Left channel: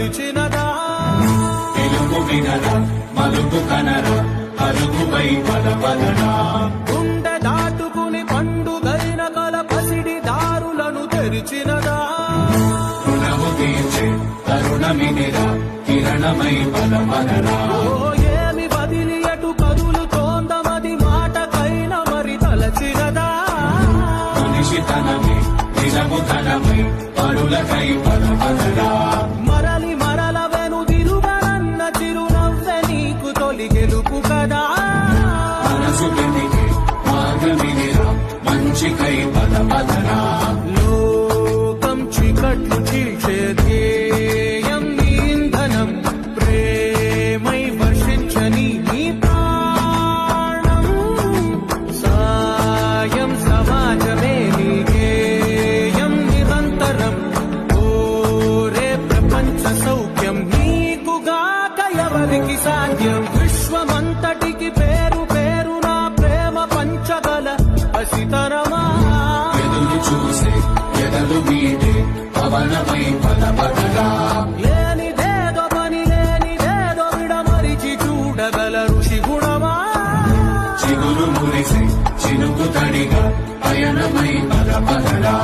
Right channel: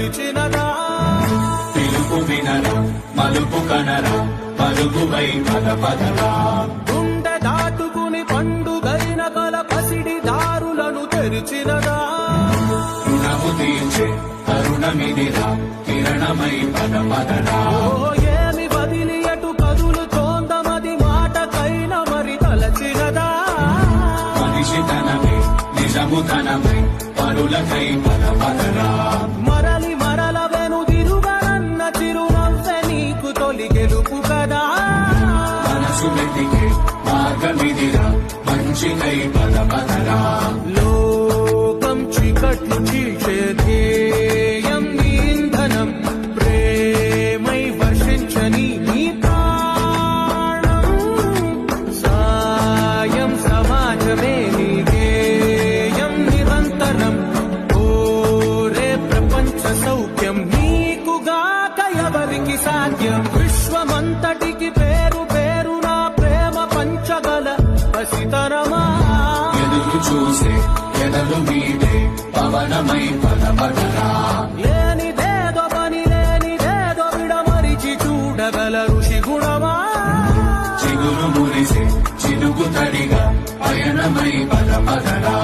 నిలిచినదా తెలుగు వినరా మలుపు కనరా పలుగువై పదపదరా గుండె దాటుకుని పండుగైన కల పసిడి దారులను తెరిచినదా రుణము తీర్చే కరుణమిదిరా కిరణమై పదపదరా ఓ ఏమి బదిలి అటు కదులుతోందమది మాటకైన మరి తలచినదా మనిషితనమై నిజముతనమై పరులకై పదపదరా మరలి మరల వెనుదిరుగనన్న చిరునవ్వె నీకు తొలి గెలుపు కదా మనసు వెతికే మార్గమిదిరా మంచికై పదపదరా లోకం చీకట్లు చీల్చే ధ్యేయం నీ ఇంధనం ప్రేమై వర్షించని నీ ప్రాణం సాయం సమాజమే నీ గేయం నిరంతరం ఓరే ప్రపంచ సౌఖ్యం నీకుగాక ఎవరికి సాధ్యం విశ్వమంతటికి పేరు పేరు నా ప్రేమ పంచగల పసితరమా ఎదురు చూసే ఎదలు మీదే పవనమై పదపదరా లేనిదేదో పని లేనిదేదో విడమరిచి చూడగల ఋషి గుణమా చిగురు మురిసే చిరుకు తడిగా పయనమై పదపదరా